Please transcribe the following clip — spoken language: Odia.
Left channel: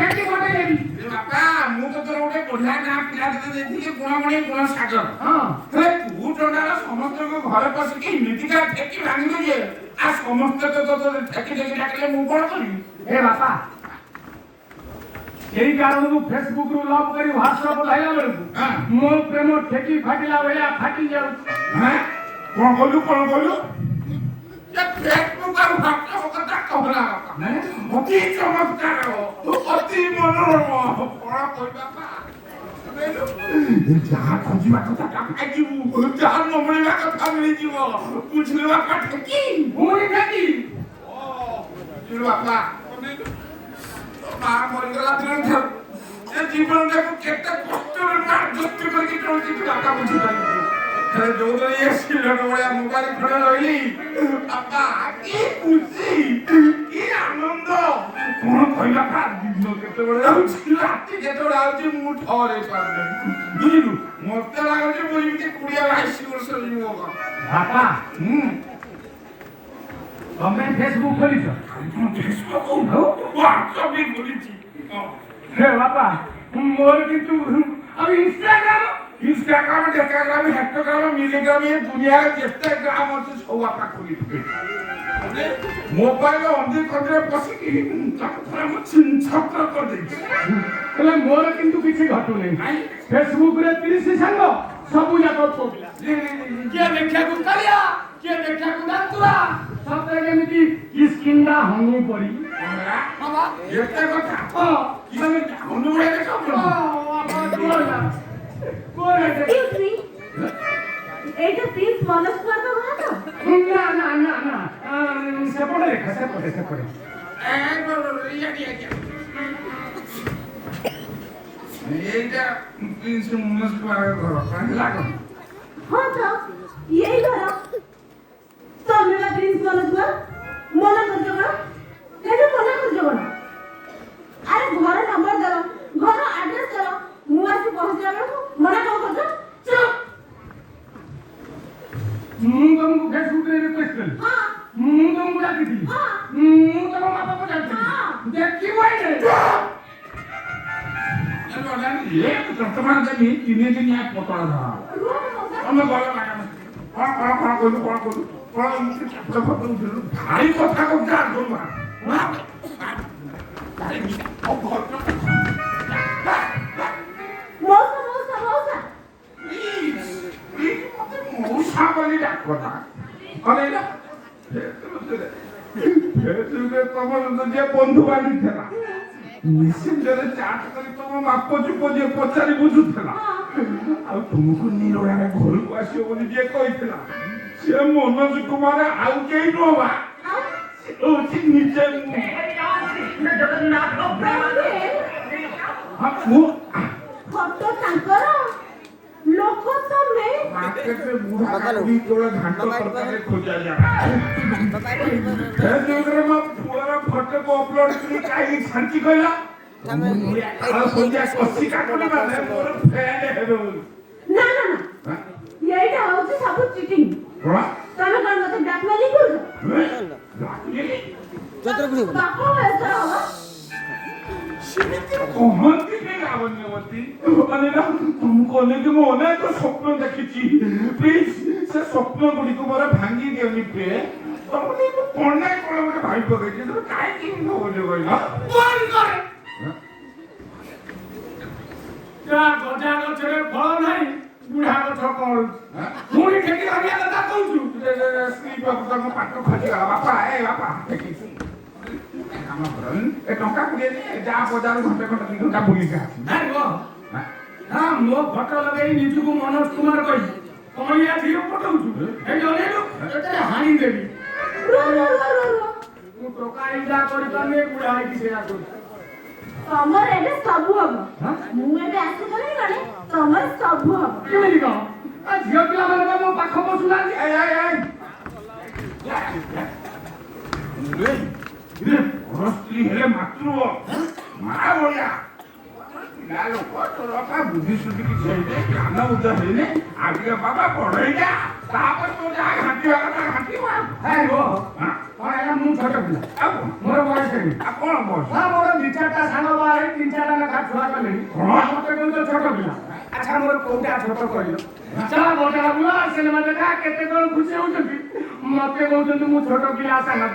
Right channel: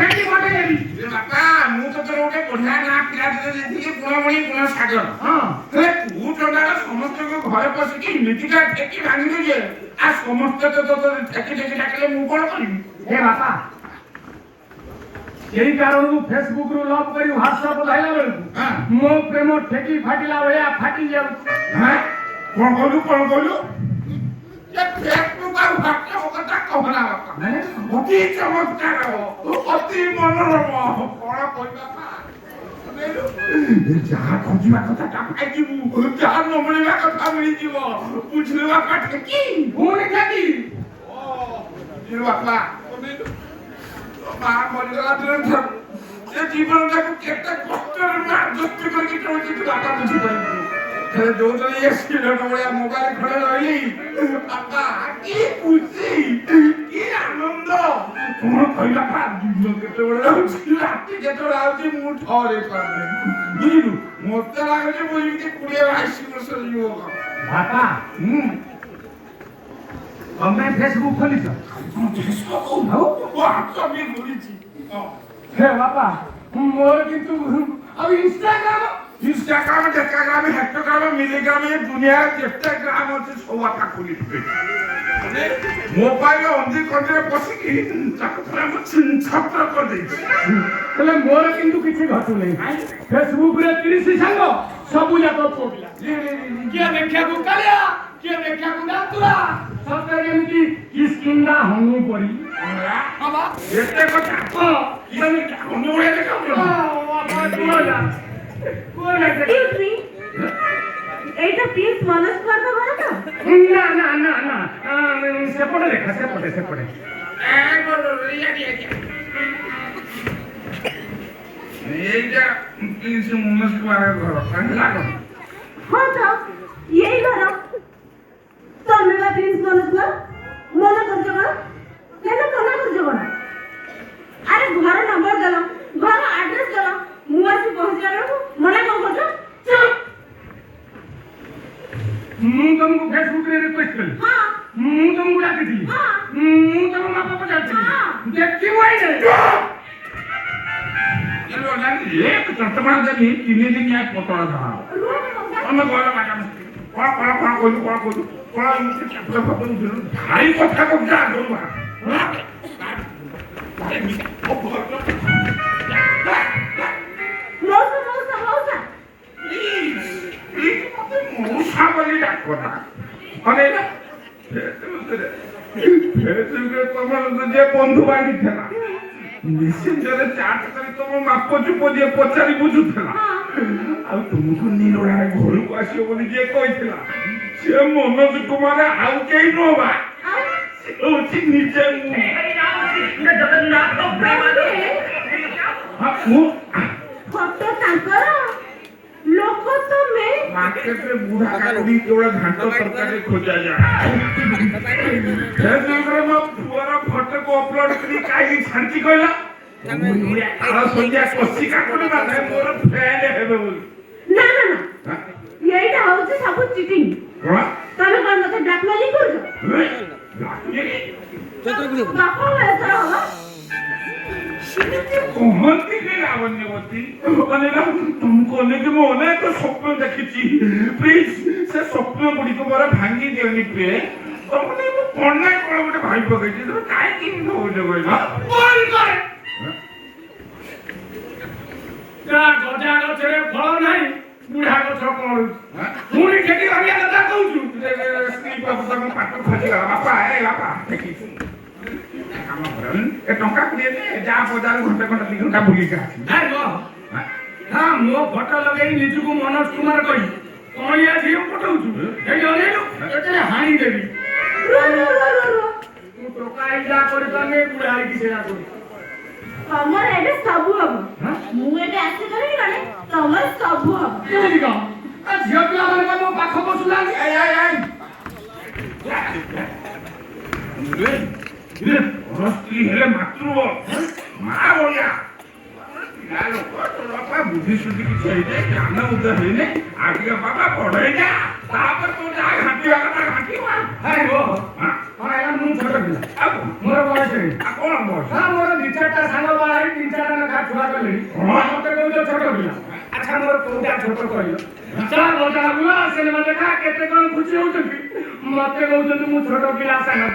ঠেকি ପକେଇଦେବି। ବାପା ମୁଁ ତ ତୋର ଗୋଟେ ବଢିଆ ନା ପିଲା ଦେଇଥିଲି ଗୁଣମଣି ଗୁଣ ସାଗର। ହଁ ତୁ ଟୋଟାଲ ସମସ୍ତଙ୍କ ଘରେ ପଶିକି ଏମିତିକା ଠେକି ଭାଙ୍ଗିଲି ଯେ ଆଉ ସମସ୍ତେ ତ ଠେକି ଠେକି ଡାକିଲେ ମୁଁ କଣ କରିବି? ଏ ବାପା ସେଇ କାରଣରୁ ଫେସବୁକରୁ ଲଭ୍ କରି ହ୍ୱାଟ୍ସଆପ ଧଇଲା ବେଳକୁ ମୋ ପ୍ରେମ ଠେକି ଫାଟିଲା ଭଳିଆ ଫାଟି ଯାଉଛି। କଣ କହିଲୁ କଣ କହିଲୁ? ଫେସବୁକ୍ ଆଉ ହ୍ୱାଟ୍ସଆପ କଥା କହନା ବାପା। ଅତି ଚମତ୍କାର ଅତି ମନୋରମ କଣ କହିବା ବାପା? ଯାହା ଖୋଜିବା କଥା ତା ପାଇଯିବୁ, ଯାହା ନ ମିଳିବା କଥା ମିଳିଯିବ। ବୁଝିଲେ ବାପା ଠେକି? ପୁଣି ଠେକି ବାପା ମା ମରିଗଲା ଦିନ ଏ ଜୀବନଟାକୁ କେତେ କଷ୍ଟରେ ମୁଁ ଆଡଜଷ୍ଟ କରିକି ଚଳୁଛି ତୁ ବାପା ବୁଝିପାରିବୁ। ଯୋଉଦିନ ଇଏ ସିଲଟ ଭଳିଆ ମୋବାଇଲ ଖଣ୍ଡେ ରହିଲି ବାପା କି ଖୁସି କି ଆନନ୍ଦ କଣ କହିବା ବାପା। ଦିନ କେତେବେଳେ ଯାଉଛି ରାତି କେତେବେଳେ ଆଉଛି ମୁଁ ଠହରେଇ ପାରୁନି। ବୁଝିଲୁ ମତେ ଲାଗୁଛି ମୁଁ ଯେମିତି 20-22 ବର୍ଷ ଯୁବକ। ବାପା ତମେ ଫେସବୁକ୍ ଖୋଲିଛ? ହେ ବାପା ମୋର କିନ୍ତୁ ଆଉ ଇନଷ୍ଟାଗ୍ରାମ ଡେକାଗ୍ରାମ ହେକ୍ଟୋଗ୍ରାମ ମିଲିଗ୍ରାମ ଏ ଦୁନିଆରେ ଯେତେ ଗ୍ରାମ ଅଛି ସବୁ ବାପା ଖୋଲିଥିବେ। ମୋବାଇଲ ଅନ୍ଧି କଣ୍ଠିରେ ପଶିକି ତାକୁ ମୁଁ ଛତ୍ର କରିଦେଇଛି। ହେଲେ ମୋର କିନ୍ତୁ କିଛି ଘଟୁନାହିଁ। ଫେସବୁକରେ 30 ସାଙ୍ଗ ସବୁ ଯାକ ପୁଅ ପିଲା। କିଏ ଦେଖିବାକୁ କାଳିଆ କିଏ ଦେଖିବାକୁ ଦାନ୍ତୁରା ସତରେ ଯେମିତି କିସ୍କିନ୍ଦା ହନୁ ପରି। ଏତେ କଥା ହନୁ ଭଳିଆ ଦେଖାଉଛୁ। এইটা প্লিজ মনোজ কুমার ঘর তো? না না না না সেপটে দেখা সেপটে এইটা মনোজ কুমারের ঘর লাগো। হ্যাঁ তো এই ঘর তুমি বা প্লিজ মনোজ কুমার মনে করছো না কেন মনে করছো না? আরে ঘর নম্বর দাও ঘর আড্রেস দাও ମୁଁ ଆସି ପହଞ୍ଚିଲା ବେଳକୁ ମନା କଣ କରୁଛ? ମୁଁ ତମକୁ ଫେସବୁକରେ ରିକ୍ୱେଷ୍ଟ କଲି। ମୁଁ ତମକୁ ଡାକିଥିଲି। ମୁଁ ତମ ବାପା ପଚାରିଥିଲି ଦେଖିବୁ ଆଇଲେ ଚଟମା ଦେଲି 3 ଦିନିଆ ପତଳା ଧରା ତମେ ଗଲ ମ୍ୟାଡାମ କଣ କହୁଛୁ ଭାରି କଥା କହୁଛୁ মৌসা বলি ডাকনা মানে ତମର ଯେ ବନ୍ଧୁ ବାନ୍ଧି ଥିଲା ନିଶ୍ଚିନ୍ତରେ ଚାଟ କରି ତମ ମାପ ଚୁପ ଯିଏ ପଚାରି ବୁଝୁଥିଲା ଆଉ ତୁମକୁ ନିରୋଳାରେ ଘରକୁ ଆସିବ ବୋଲି ଯିଏ କହିଥିଲା ସେ ମନୋଜ କୁମାର ଆଉ କେହି ନୁହଁ ବା ସେ ହଉଛି ନିଜେ मार्केट में बूढ़ा आदमी केवल घंटा सरकार खोजा जाए फेसबुक में पुअर फोटो को अपलोड करी काई शांति कहला आ संध्या कसी का कोनी बात है मोर फैन हेबे बोली ना ना ना एटा होउछ सब चीटिंग कोन तने कोन मते ब्लैकमेलिंग करछो बापो ऐसा हो କହନ୍ତି କି ଲାବଣ୍ୟବତୀ ଅନେକ ତୁମକୁ ଅନେକ ମୁଁ ଅନେକ ସ୍ୱପ୍ନ ଦେଖିଛି ପ୍ଲିଜ ସେ ସ୍ୱପ୍ନ ଗୁଡ଼ିକୁ ମୋର ଭାଙ୍ଗି ଦିଅନି ପ୍ରିୟ ତମେ ମୁଁ କଣ ନା କଣ ଗୋଟେ ଭାଇ ପକେଇଛି ତମେ କାହିଁକି ଭାବୁଛ କହିଲ ବନ୍ଦ କର ଗଜା ଗଛରେ ଫଳ ନାହିଁ ବୁଢା ଗଛ କଣୁଛି ପୁଣି ଠେକି ଭାଙ୍ଗିବା କଥା କହୁଛୁ ସ୍ତ୍ରୀ ବାବୁ ତାଙ୍କ ପାଠ ଖୋଜିବା ବାପା ଦେଖିଛୁ କାମ କର ଏ ଟଙ୍କା କୁଡ଼ିଏ ଦେ ଯାହା ବଜାର ଘଣ୍ଟେ 2 ଘଣ୍ଟା ବୁଲିକି ଆସି ମୋ ଫଟୋ ଲଗେଇ ନିଜକୁ ମନୋଜ କୁମାର କହି କଣିଆ ଝିଅ ପଠଉଛୁ ଏଇ ଅନେଇଲୁ ଏତେ ହାଣି ଦେବି ମୁଁ ଟଙ୍କା ଇଜା କରିପାରୁନି ବୁଢା ହେଇକି ସେୟା କରୁଛି ତମର ଏବେ ସବୁ ହବ ମୁଁ ଏବେ ଆସିଗଲି ମାନେ ତମର ସବୁ ହବ କେମିତି କଣ ଝିଅ ପିଲାମାନେ ମୋ ପାଖ ବସୁନାହାନ୍ତି ସ୍ତ୍ରୀ ହେଲେ ମାତୃ ମା ଭଳିଆ ପିଲା ଲୋକ ତୋର ବାପା ବୁଦ୍ଧି ସୁଦ୍ଧି କିଛି ହେଇନି ଜ୍ଞାନ ଉଦୟ ହେଇନି ଆଗେ ବାପା ପଢେଇ ଯା ତାପରେ ତୁ ଯାହା ଘାଣ୍ଟିବା କଥା ଘାଣ୍ଟିବା ହଁ ଆଜ୍ଞା ମୁଁ ଛୋଟ ପିଲା ଆଉ ମୋର ବୟସ ହେଇନି କଣ ବସ ମୋର ଦି ଚାରିଟା ସାଙ୍ଗ ବାହା ହେଇ 3-4ଟା ଲେଖା ଛୁଆ କଲି ମତେ କହୁଛ ଛୋଟ ପିଲା ଆଚ୍ଛା ମୋର କୋଉଟା ଛୋଟ କହିଲ ଚା ବଜାର ବୁଲା ସିନେମା ଦେଖା କେତେ କଣ ଖୁସି ହଉଛନ୍ତି ମତେ କହୁଛନ୍ତି ମୁଁ ଛୋଟ ପିଲା ସାଙ୍ଗ